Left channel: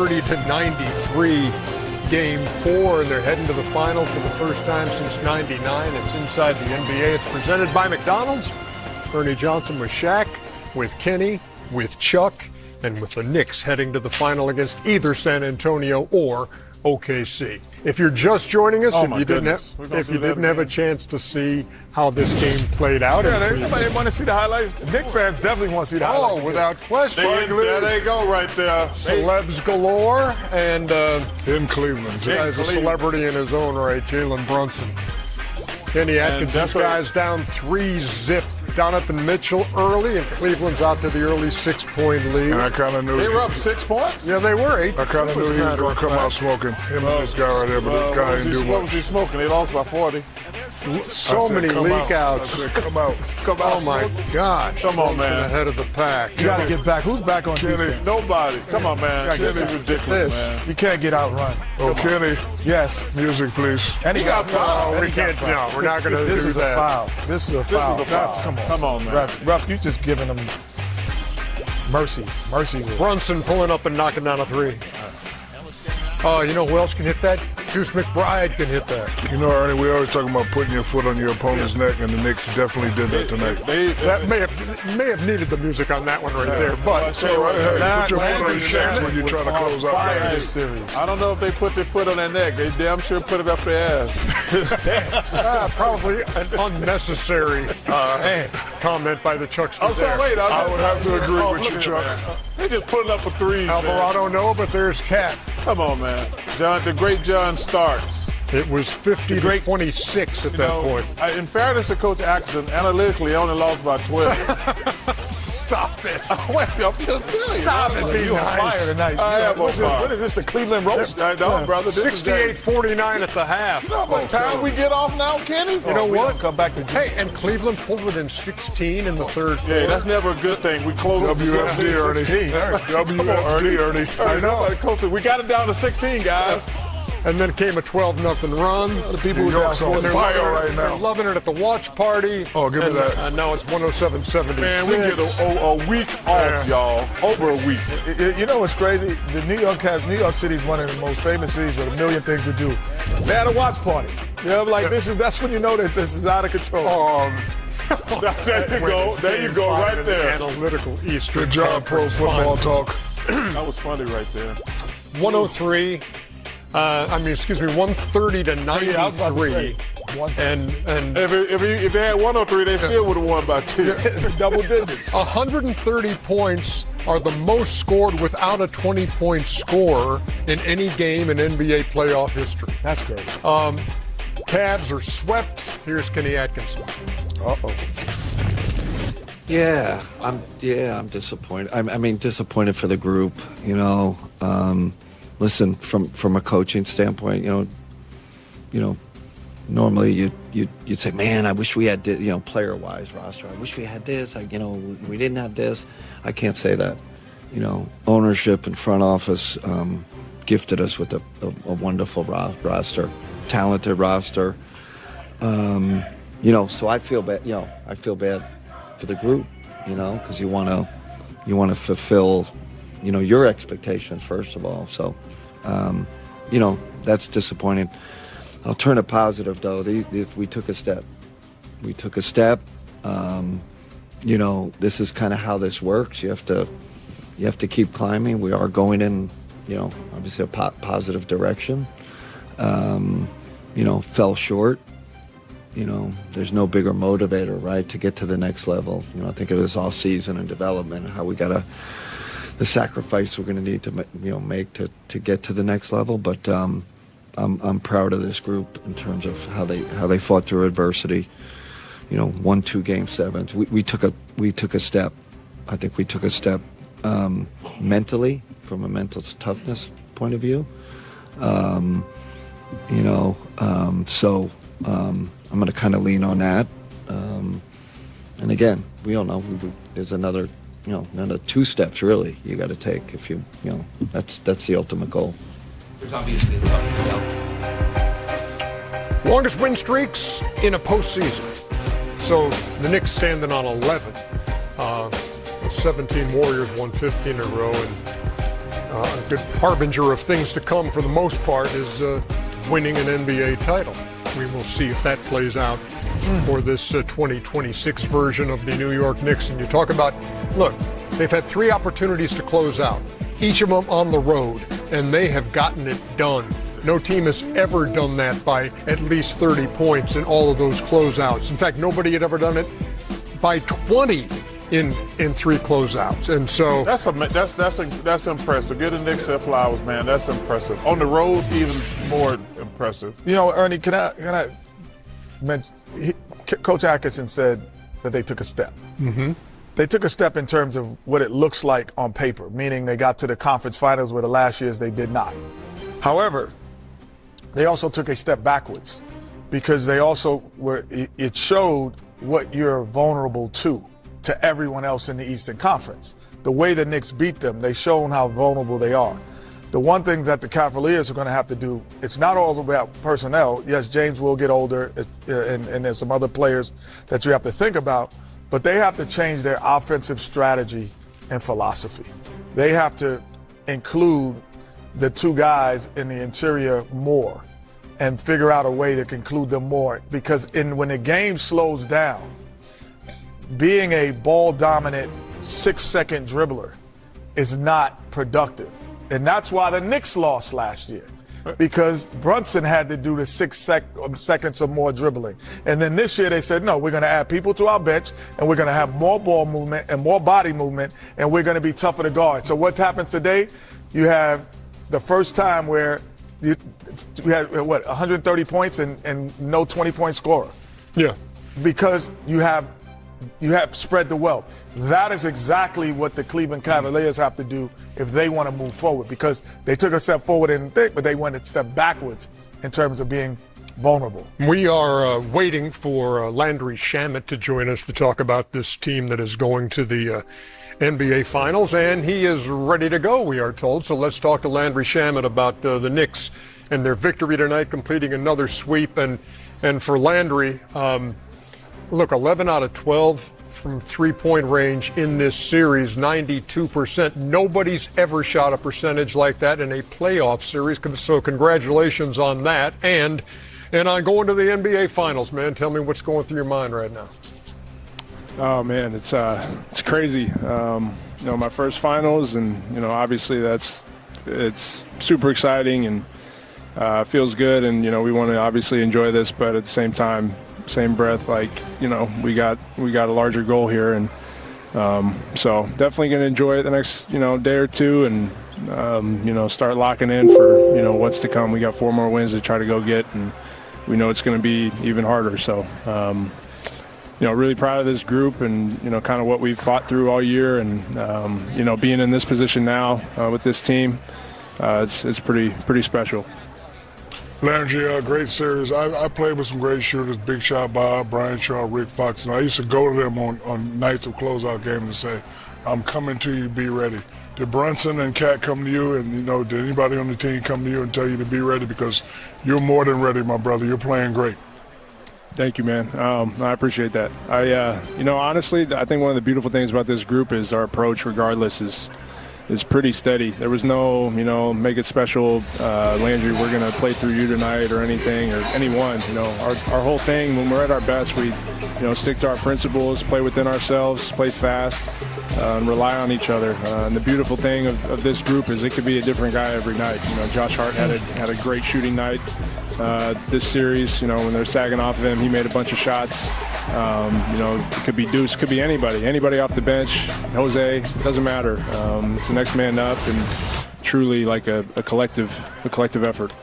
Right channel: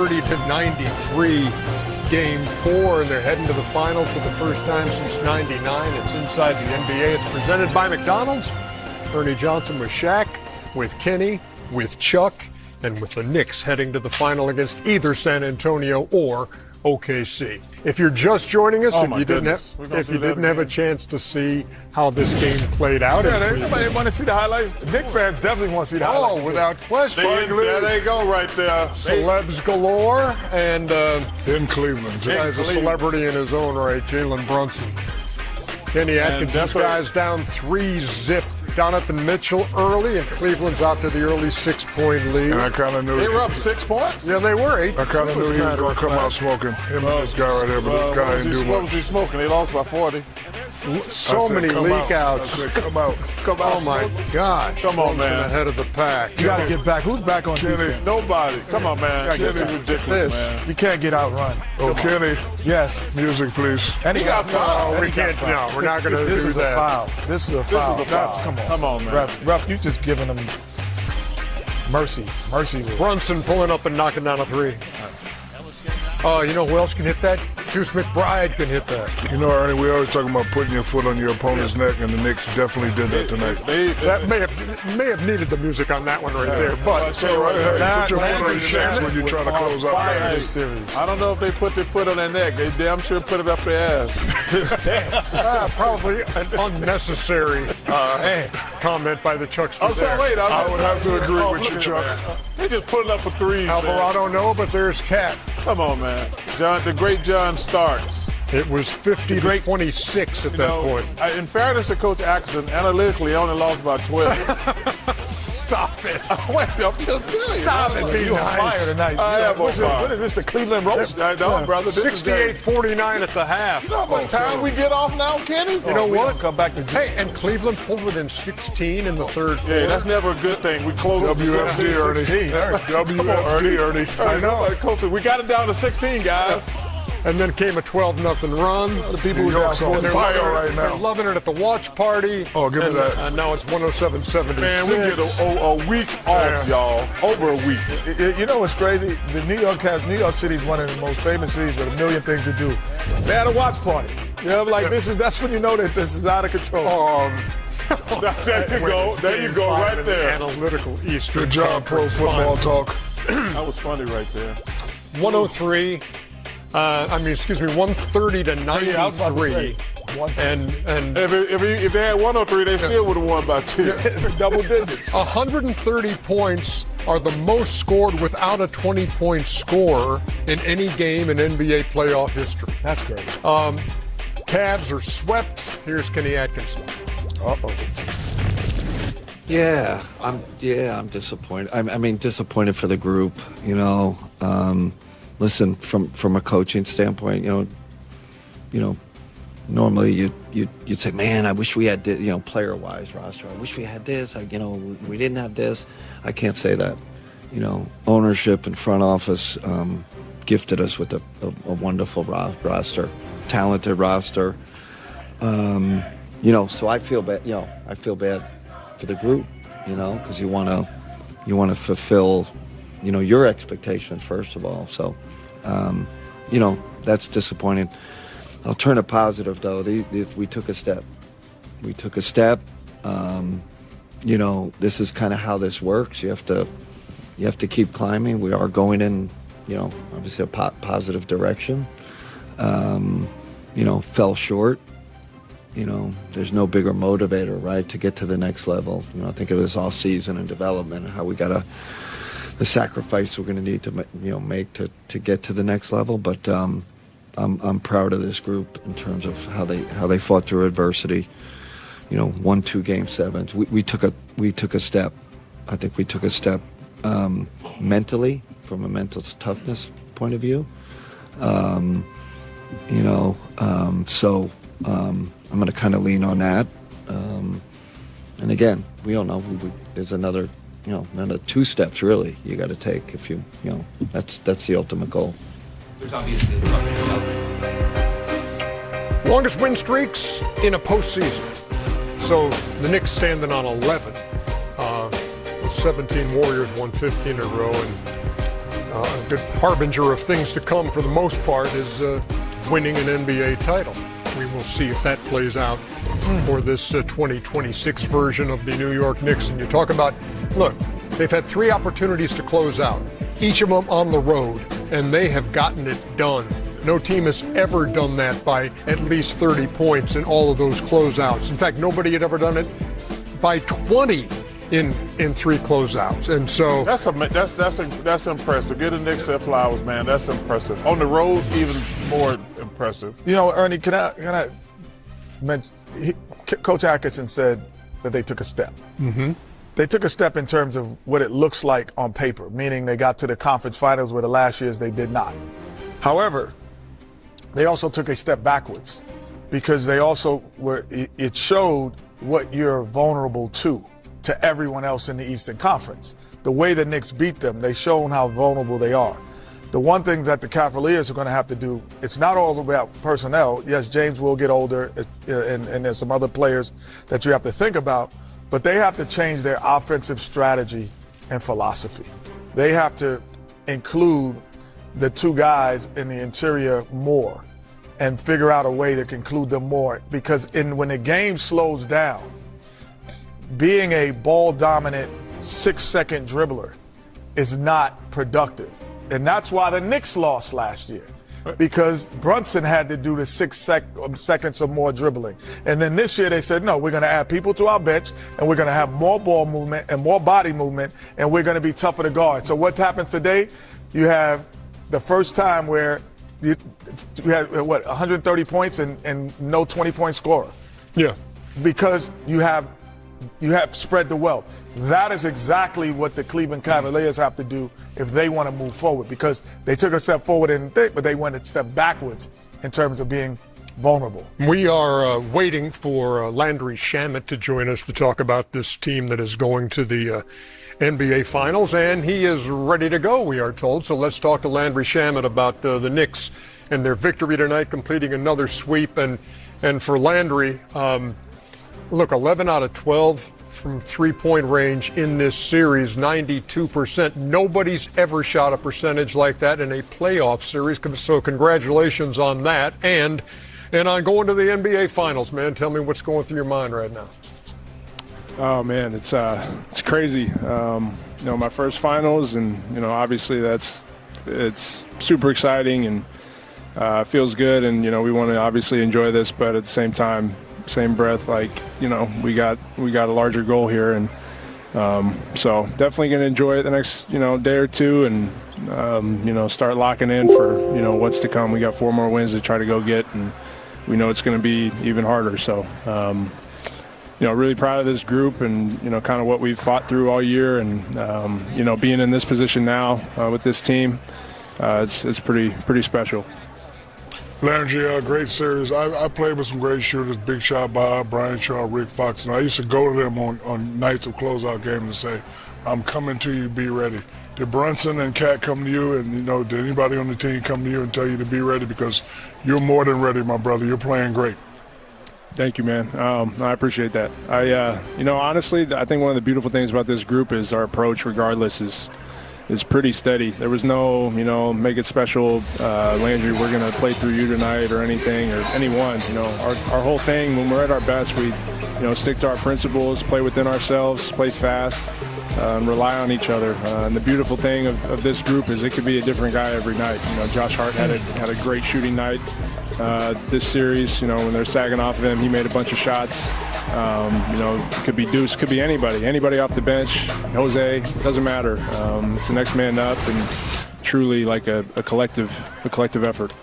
30-93 game 4, and they're heading to the final for the first time since '99. It's inside the NBA. It's presented by McDonald's. Ernie Johnson with Shaq, with Kenny, with Chuck, and with the Knicks heading to the final against either San Antonio or OKC. If you're just joining us, if you didn't have a chance to see how this game played out, everybody want to see the highlights. Knicks fans definitely want to see the highlights. Oh, without question. There they go, right there. Celebs galore, and in Cleveland, as a celebrity in his own right, Jalen Brunson. Kenny Atkins guys down 3-0 Donovan Mitchell early, and Cleveland's out to the early 6-point lead. And I kind of knew they were up 6 points. Yeah, they were 8. I kind of knew he was going to come out smoking. Him and this guy right here, but this guy didn't do much. What was he smoking? They lost by 40. So many leak outs. Come out. Oh my gosh! Come on, man. Ahead of the pack. You got to get back. Who's back on defense? Nobody. Come on, man. This is ridiculous, man. You can't get outrun. Oh, Kenny. Yes. Music, please. And he got fouled. We can't. No, we're not going to do that. This is a foul. This is a foul. Come on, man. Ref, you just giving them mercy. Brunson pulling up and knocking down a 3. You know who else can hit that? Juice McBride can hit that. You know, Ernie, we always talking about putting your foot on your opponent's neck, and the Knicks definitely did that tonight. That may have needed the music on that one right there, but put your foot on your chest when you're trying to close out this series. I don't know if they put their foot on their neck. They damn sure put it up their ass. Probably an unnecessary comment by the Chucks. I'm sorry, wait. I would have to agree with you, Chuck. They just putting up a 3. Alvarado, no, but there's Cat. Come on, man. The great John Starks. It was 50-26 at that point. In fairness to Coach Atkinson, analytically only lost by 12. Stop it. Wait, I'm just telling you. Stop it. You're on fire tonight. What is this, the Cleveland roast? No, brother. 68-49 at the half. You know how much time we get off now, Kenny? You know what? Come back to Hey, and Cleveland pulled within 16 in the third quarter. Yeah, that's never a good thing. We closed WSD, Ernie. I know. We got it down to 16, guys. And then came a 12-0 run. The people who are on fire right now, loving it at the watch party. Oh, give me that. And now it's 107-76. Man, we get a week off, y'all. Over a week. You know what's crazy? The New York City is one of the most famous cities with a million things to do. They had a watch party. You know, that's when you know that this is out of control. There you go, right there. Analytical East. Good job, pro football talk. That was funny right there. 103. 130 to 93. And if they had 103, they still would have won by 2. Double digits. 130 points are the most scored without a 20-point score in any game in NBA playoff history. That's great. Cavs are swept. Here's Kenny Atkins. Yeah, I'm disappointed. I mean, disappointed for the group. You know, listen, from a coaching standpoint, you know, normally you'd say, man, I wish we had, player-wise roster. I wish we had this. We didn't have this. I can't say that. You know, ownership and front office gifted us with a wonderful roster, talented roster. So I feel bad. I feel bad for the group. Because you want to fulfill, your expectations first of all. So, that's disappointing. I'll turn it positive though. We took a step. This is kind of how this works. You have to keep climbing. We are going in, obviously a positive direction. Fell short. There's no bigger motivator, right, to get to the next level. I think it was all season and development, how we got the sacrifice we're going to need to, make to get to the next level. But I'm proud of this group in terms of how they fought through adversity. 1-2 game sevens. We took a step. I think we took a step mentally, from a mental toughness point of view. So I'm going to kind of lean on that. And again, we all know there's another 2 steps really you got to take if that's the ultimate goal. There's obviously longest win streaks in a postseason. So the Knicks standing on 11. 17 Warriors won 15 in a row, and a good harbinger of things to come for the most part is winning an NBA title. We will see if that plays out for this 2026 version of the New York Knicks. And you talk about, look, they've had 3 opportunities to close out, each of them on the road, and they have gotten it done. No team has ever done that by at least 30 points in all of those closeouts. In fact, nobody had ever done it by 20 in 3 closeouts. And so that's impressive. Give the Knicks their flowers, man. That's impressive. On the road, even more impressive. You know, Ernie, can I mention? Coach Atkinson said that they took a step. Mm-hmm. They took a step in terms of what it looks like on paper, meaning they got to the conference finals where the last years they did not. However, they also took a step backwards because they also it showed what you're vulnerable to everyone else in the Eastern Conference. The way the Knicks beat them, they've shown how vulnerable they are. The one thing that the Cavaliers are going to have to do, it's not all about personnel. Yes, James will get older, and there's some other players that you have to think about, but they have to change their offensive strategy and philosophy. They have to include the 2 guys in the interior more and figure out a way to include them more, because when the game slows down, being a ball-dominant 6-second dribbler is not productive. And that's why the Knicks lost last year, because Brunson had to do the 6 seconds or more dribbling. And then this year they said, no, we're going to add people to our bench, and we're going to have more ball movement and more body movement, and we're going to be tougher to guard. So what happens today? You have the first time where you had, 130 points and no 20-point scorer. Yeah. Because you have spread the wealth. That is exactly what the Cleveland Cavaliers have to do if they want to move forward, because they took a step forward but they went a step backwards in terms of being vulnerable. We are waiting for Landry Shamet to join us to talk about this team that is going to the NBA Finals, and he is ready to go, we are told. So let's talk to Landry Shamet about the Knicks and their victory tonight, completing another sweep. And for Landry, look, 11 out of 12 from three-point range in this series, 92%. Nobody's ever shot a percentage like that in a playoff series, so congratulations on that. And on going to the NBA Finals, man. Tell me what's going through your mind right now. Oh man, it's crazy. My first finals, and obviously it's super exciting and feels good, and we want to obviously enjoy this, but at the same time, same breath, we got a larger goal here, and so definitely going to enjoy it the next day or two, and start locking in for what's to come. We got 4 more wins to try to go get, and we know it's going to be even harder. So. Really proud of this group and, kind of what we've fought through all year, and, being in this position now with this team, it's pretty special. Landry, great series. I played with some great shooters, Big Shot Bob, Brian Shaw, Rick Fox, and I used to go to them on nights of closeout games and say, I'm coming to you, be ready. Did Brunson and Cat come to you, and, did anybody on the team come to you and tell you to be ready? Because you're more than ready, my brother. You're playing great. Thank you, man. I appreciate that. Honestly, I think one of the beautiful things about this group is our approach, regardless, is pretty steady. There was no, make it special, Landry, we're going to play through you tonight or anything, or anyone. Our whole thing, when we're at our best, we, stick to our principles, play within ourselves, play fast, and rely on each other. And the beautiful thing of this group is it could be a different guy every night. Josh Hart had a great shooting night. This series, when they're sagging off of him, he made a bunch of shots. It could be Deuce, could be anybody off the bench. Jose, doesn't matter. It's the next man up, and truly like a collective effort.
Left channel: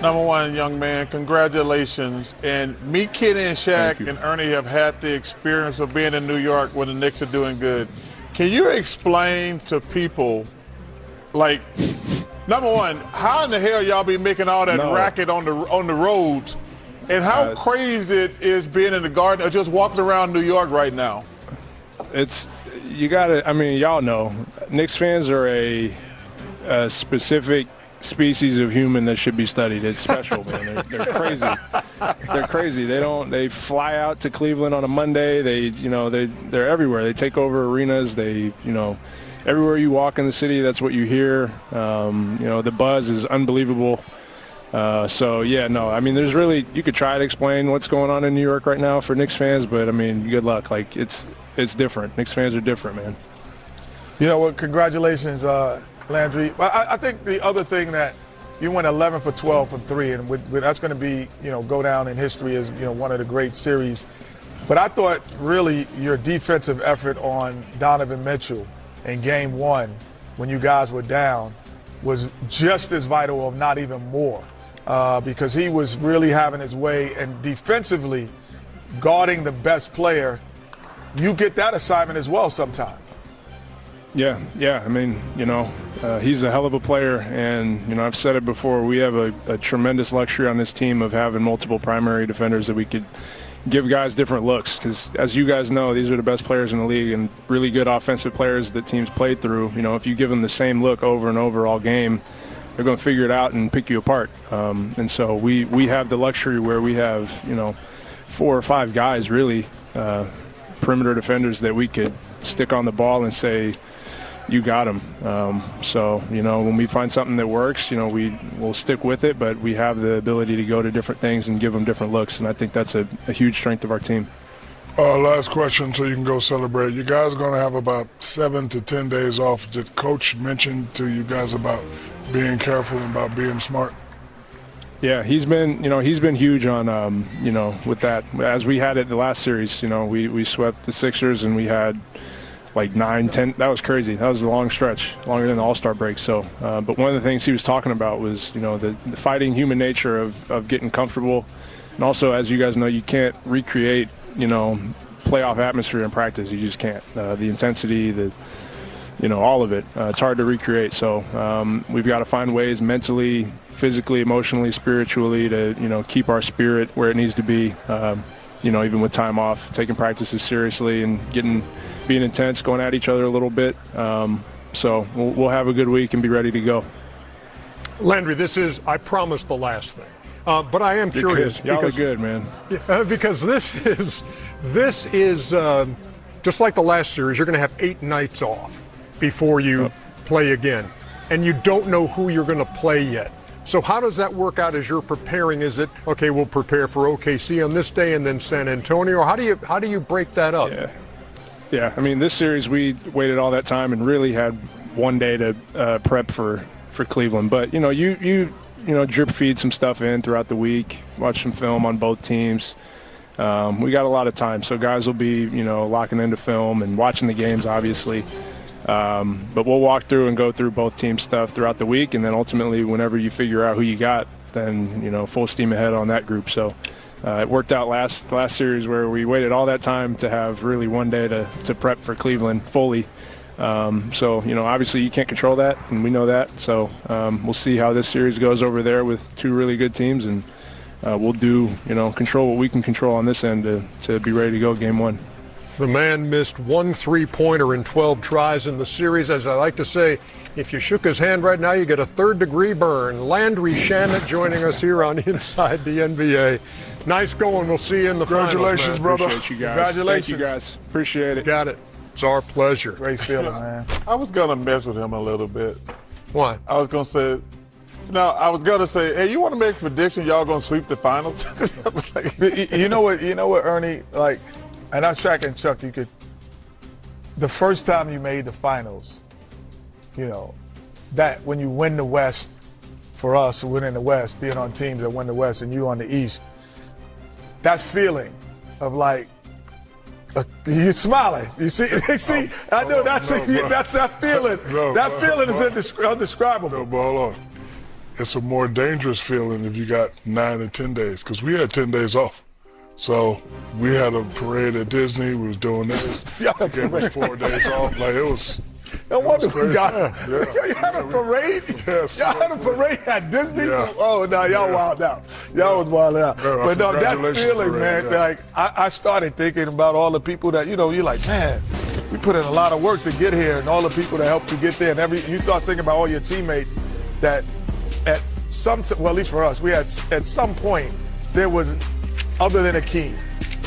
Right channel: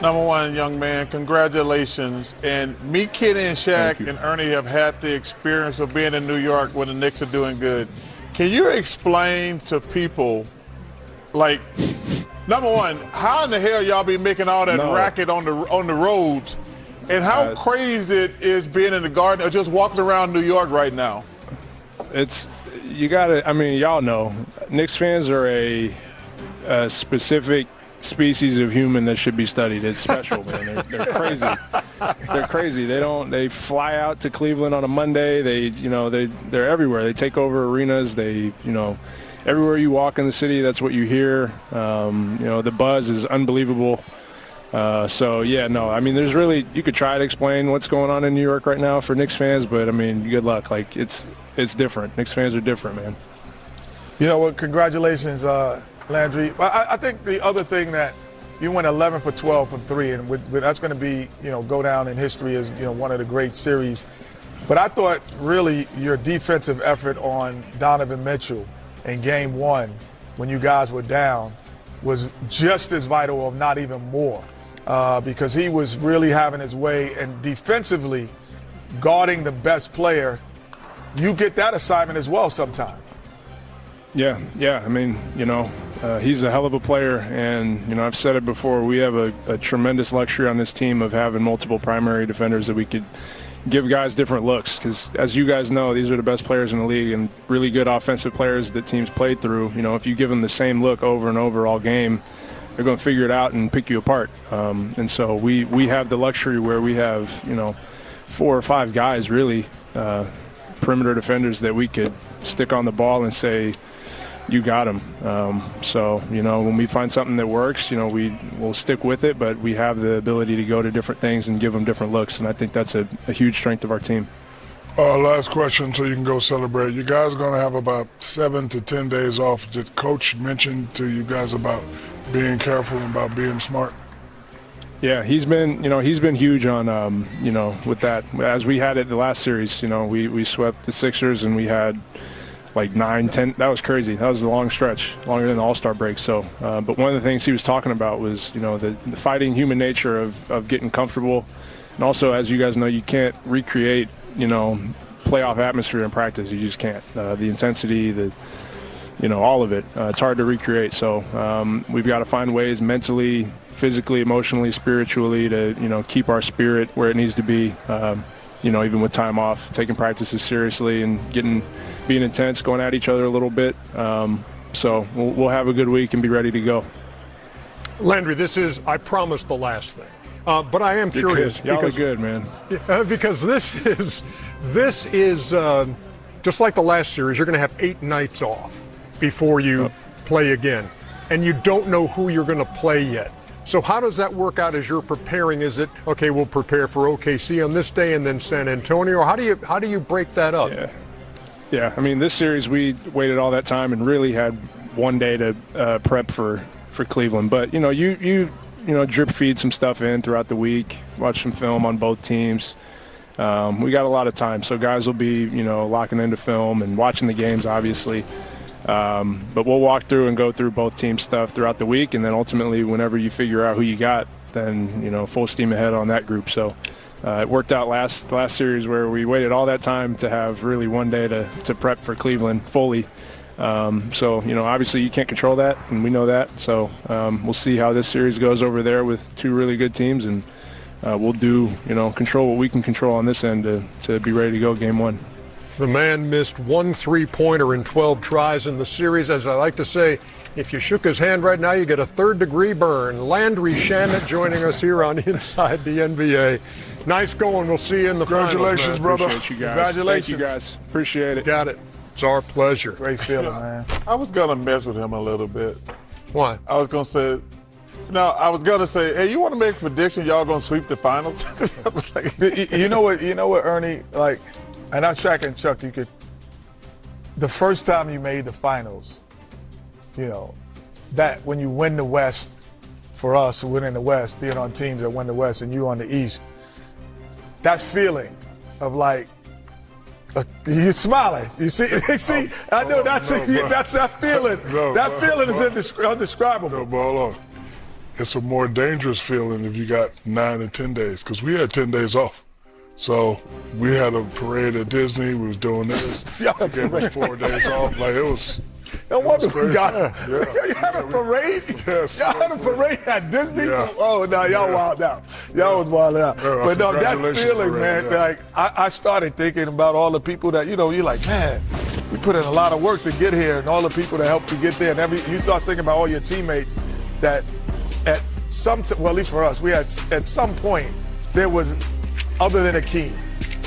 Number one, young man, congratulations. And me, Kenny, and Shaq and Ernie have had the experience of being in New York when the Knicks are doing good. Can you explain to people, like, number one, how in the hell y'all be making all that racket on the roads, and how crazy it is being in the Garden or just walking around New York right now? Y'all know, Knicks fans are a specific species of human that should be studied. It's special, man. They're crazy. They're crazy. They fly out to Cleveland on a Monday. They're everywhere. They take over arenas. everywhere you walk in the city, that's what you hear. The buzz is unbelievable. So, yeah, no, I mean, there's really – you could try to explain what's going on in New York right now for Knicks fans, but, I mean, good luck. Like, it's different. Knicks fans are different, man. You know what? Congratulations, Landry. I think the other thing that you went 11 for 12 from 3, and that's going to be, go down in history as, one of the great series. But I thought really your defensive effort on Donovan Mitchell in Game 1 when you guys were down was just as vital, if not even more, because he was really having his way, and defensively guarding the best player, you get that assignment as well sometimes. Yeah. I mean, he's a hell of a player, and, I've said it before, we have a tremendous luxury on this team of having multiple primary defenders that we could give guys different looks, because as you guys know, these are the best players in the league and really good offensive players that teams played through. If you give them the same look over and over all game, they're going to figure it out and pick you apart. And so we have the luxury where we have, 4 or 5 guys really, perimeter defenders that we could stick on the ball and say, you got him. So, when we find something that works, we'll stick with it, but we have the ability to go to different things and give them different looks, and I think that's a huge strength of our team. Last question so you can go celebrate. You guys are going to have about 7 to 10 days off. Did Coach mention to you guys about being careful and about being smart? Yeah, he's been huge on, with that. As we had it the last series, we swept the Sixers and we had like 9, 10. That was crazy. That was a long stretch, longer than the All-Star break. So, but one of the things he was talking about was, the fighting human nature of getting comfortable. And also, as you guys know, you can't recreate, playoff atmosphere in practice. You just can't. The intensity, all of it. It's hard to recreate. So we've got to find ways mentally, physically, emotionally, spiritually to, keep our spirit where it needs to be, even with time off, taking practices seriously and being intense, going at each other a little bit. So we'll have a good week and be ready to go. Landry, this is, I promise, the last thing. But I am curious. Y'all are good, man. Because this is just like the last series. You're going to have 8 nights off before you play again. And you don't know who you're going to play yet. So how does that work out as you're preparing? Is it, okay, we'll prepare for OKC on this day and then San Antonio? How do you break that up? Yeah. I mean, this series we waited all that time and really had one day to prep for Cleveland. But, you drip feed some stuff in throughout the week, watch some film on both teams. We got a lot of time, so guys will be, locking into film and watching the games, obviously. But we'll walk through and go through both teams' stuff throughout the week, and then ultimately whenever you figure out who you got, then, full steam ahead on that group. So it worked out last series where we waited all that time to have really one day to prep for Cleveland fully. So, obviously you can't control that, and we know that. So we'll see how this series goes over there with 2 really good teams, and we'll do, control what we can control on this end to be ready to go game 1. The man missed 1 3-pointer in 12 tries in the series. As I like to say, if you shook his hand right now, you get a 3rd-degree burn. Landry Shannon joining us here on Inside the NBA. Nice going. We'll see you in the finals. Congratulations, brother. Appreciate you guys. Congratulations. Thank you, guys. Appreciate it. Got it. It's our pleasure. Great feeling, man. I was going to mess with him a little bit. What? I was going to say, hey, you want to make a prediction y'all going to sweep the finals? You know what, Ernie, like, and I Shaq and Chuck, the first time you made the finals, that when you win the West, for us who win in the West, being on teams that win the West and you on the East, that feeling of like, you're smiling. You see, I know that's that feeling. That feeling is indescribable. No, but hold on. It's a more dangerous feeling if you got 9 and 10 days, because we had 10 days off. So we had a parade at Disney. We was doing this. Yeah, it was 4 days off. Like it was. No wonder we got. Yeah. You had a parade. Yes. Y'all had a parade at Disney. Yeah. Oh no, y'all wild out. Y'all was wild out. Yeah, but no, that congratulations, feeling, parade, man. yeah. Like I started thinking about all the people that you're like, man, we put in a lot of work to get here, and all the people that helped you get there, and you start thinking about all your teammates that at least for us, we had at some point there was, other than Akeem,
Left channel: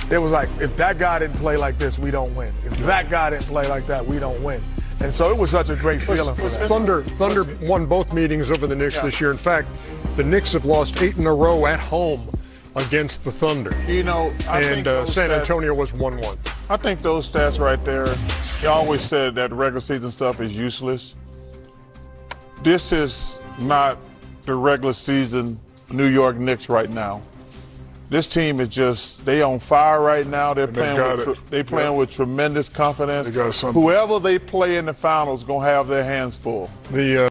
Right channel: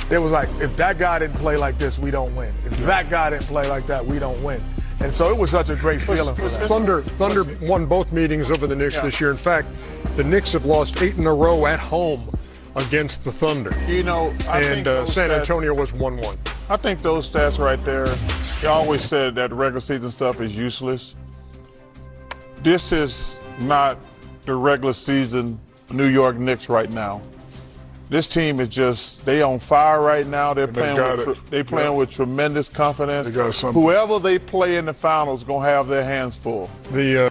there was like, if that guy didn't play like this, we don't win. If that guy didn't play like that, we don't win. And so it was such a great feeling for that. Thunder won both meetings over the Knicks this year. In fact, the Knicks have lost 8 in a row at home against the Thunder. You know, And San Antonio was 1-1. I think those stats right there, they always said that regular season stuff is useless. This is not the regular season New York Knicks right now. This team is just, they on fire right now. They're playing with tremendous confidence. They got something. Whoever they play in the finals is going to have their hands full. The